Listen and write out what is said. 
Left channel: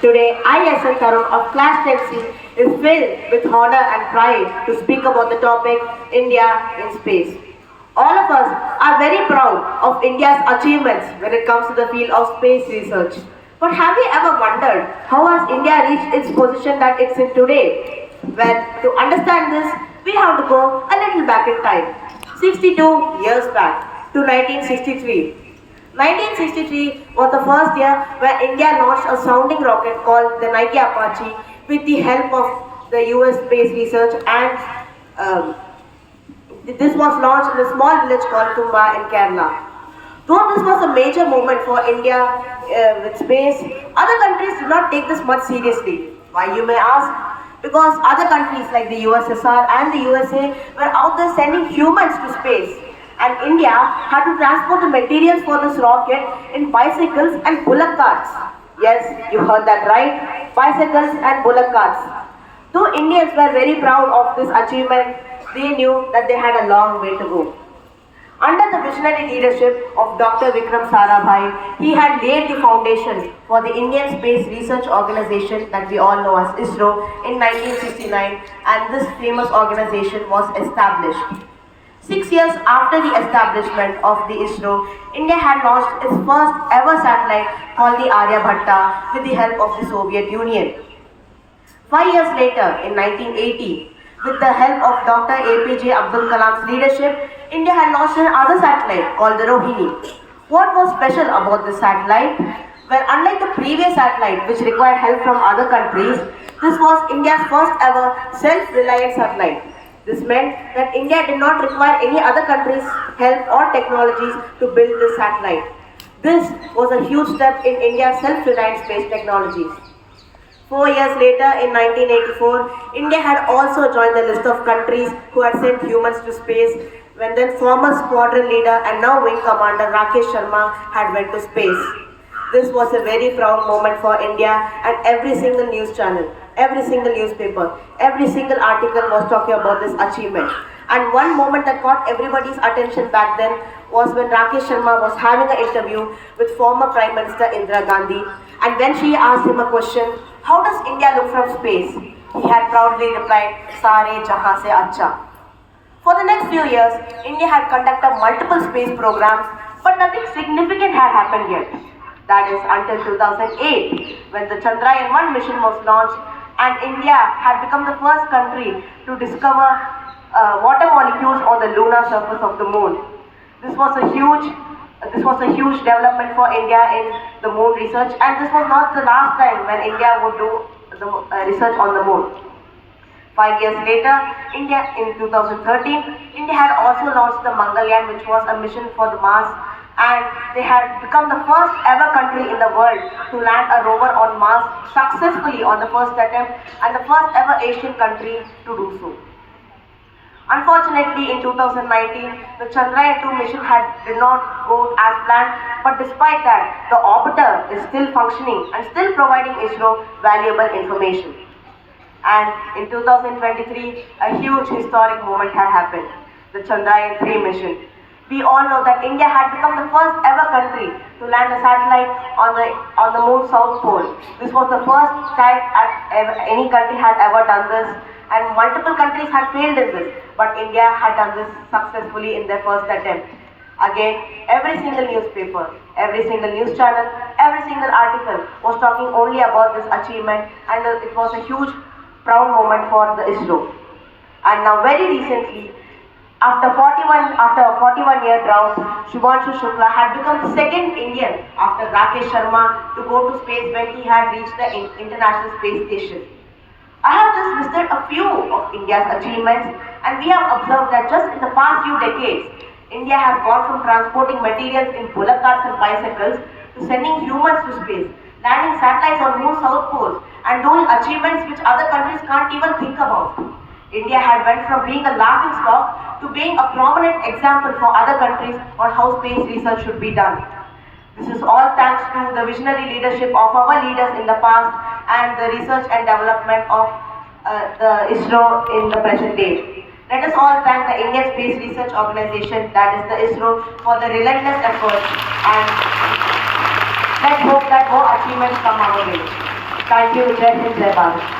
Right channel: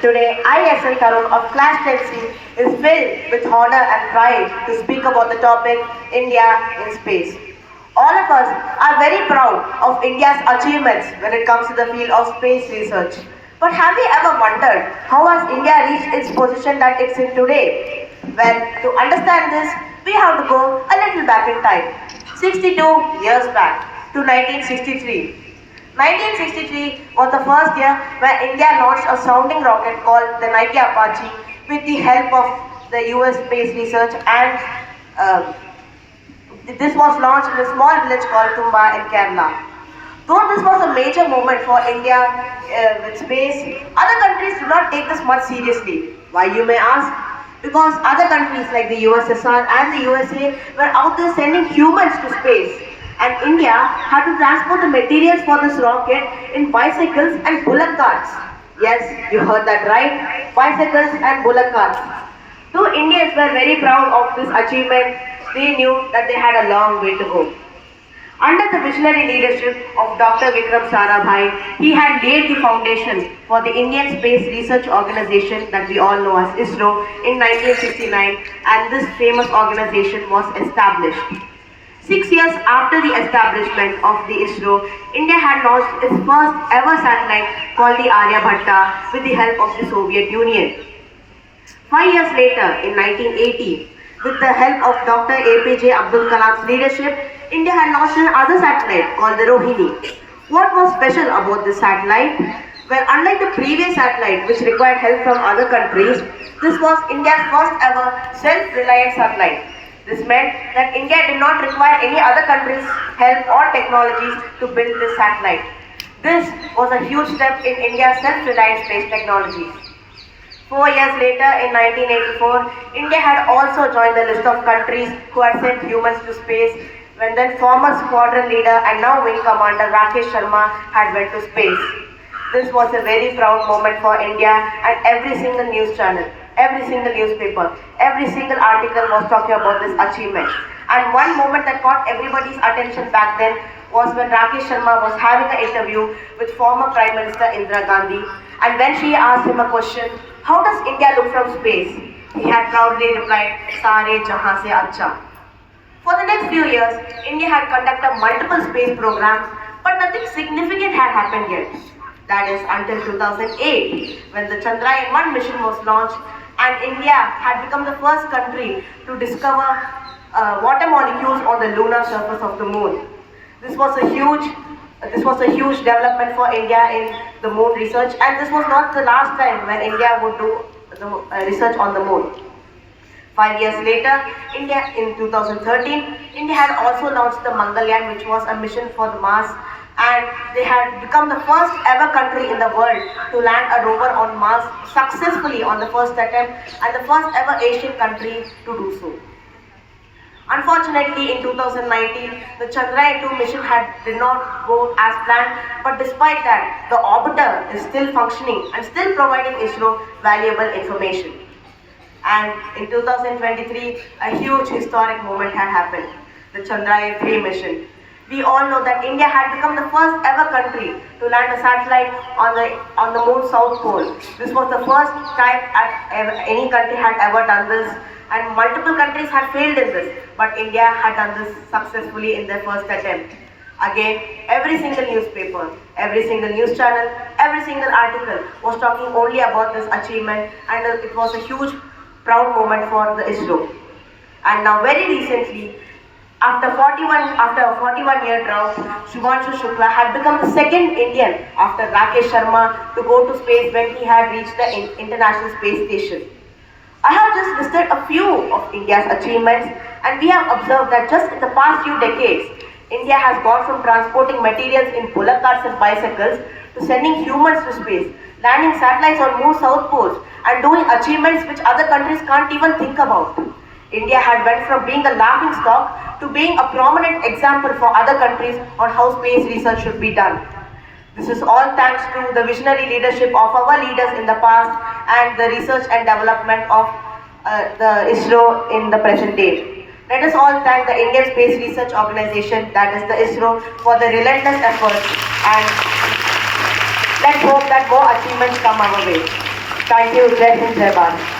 Today, I, as a Tarun of Class 10C, is filled with honor and pride to speak about the topic India in space. All of us are very proud of India's achievements when it comes to the field of space research. But have you ever wondered how has India reached its position that it's in today? Well, to understand this, we have to go a little back in time. 62 years back to 1963. 1963 was the first year where India launched a sounding rocket called the Nike Apache with the help of the US Space Research, and this was launched in a small village called Tumba in Kerala. Though this was a major moment for India with space, other countries did not take this much seriously. Why, you may ask? Because other countries like the USSR and the USA were out there sending humans to space, and India had to transport the materials for this rocket in bicycles and bullock carts. Yes, you heard that right, bicycles and bullock carts. Though Indians were very proud of this achievement, they knew that they had a long way to go. Under the visionary leadership of Dr. Vikram Sarabhai, he had laid the foundation for the Indian Space Research Organization that we all know as ISRO in 1969, and this famous organization was established. 6 years after the establishment of the ISRO, India had launched its first ever satellite called the Aryabhatta with the help of the Soviet Union. 5 years later, in 1980, with the help of Dr. APJ Abdul Kalam's leadership, India had launched another satellite called the Rohini. What was special about this satellite? Well, unlike the previous satellite, which required help from other countries, this was India's first ever self-reliant satellite. This meant that India did not require any other country's help or technologies to build this satellite. This was a huge step in India's self-reliant space technologies. 4 years later, in 1984, India had also joined the list of countries who had sent humans to space when then former squadron leader and now wing commander Rakesh Sharma had went to space. This was a very proud moment for India, and every single news channel, every single newspaper, every single article was talking about this achievement. And one moment that caught everybody's attention back then was when Rakesh Sharma was having an interview with former Prime Minister Indira Gandhi, and when she asked him a question, how does India look from space? He had proudly replied, Sare Jahan se Acha. For the next few years, India had conducted multiple space programs, but nothing significant had happened yet. That is until 2008, when the Chandrayaan 1 mission was launched, and India had become the first country to discover water molecules on the lunar surface of the moon. This was a huge development for India in the moon research, and this was not the last time when India would do the research on the moon. 5 years later, in 2013, India had also launched the Mangalyaan, which was a mission for the Mars, and they had become the first ever country in the world to land a rover on Mars successfully on the first attempt, and the first ever Asian country to do so. Unfortunately, in 2019, the Chandrayaan 2 mission did not go as planned, but despite that, the orbiter is still functioning and still providing ISRO valuable information. And in 2023, a huge historic moment had happened, the Chandrayaan 3 mission. We all know that India had become the first ever country to land a satellite on the moon's south pole. This was the first time any country had ever done this, and multiple countries had failed in this, but India had done this successfully in their first attempt. Again, every single newspaper, every single news channel, every single article was talking only about this achievement, and it was a huge proud moment for the ISRO. And now very recently, after a 41-year drought, Shubhanshu Shukla had become the second Indian after Rakesh Sharma to go to space when he had reached the International Space Station. I have just listed a few of India's achievements, and we have observed that just in the past few decades, India has gone from transporting materials in bullock carts and bicycles to sending humans to space, landing satellites on moon's south poles, and doing achievements which other countries can't even think about. India had went from being a laughing stock to being a prominent example for other countries on how space research should be done. This is all thanks to the visionary leadership of our leaders in the past and the research and development of the ISRO in the present day. Let us all thank the Indian Space Research Organization, that is the ISRO, for the relentless efforts, and let's hope that more achievements come our way. Thank you. Jai Hind, Jai Bharat.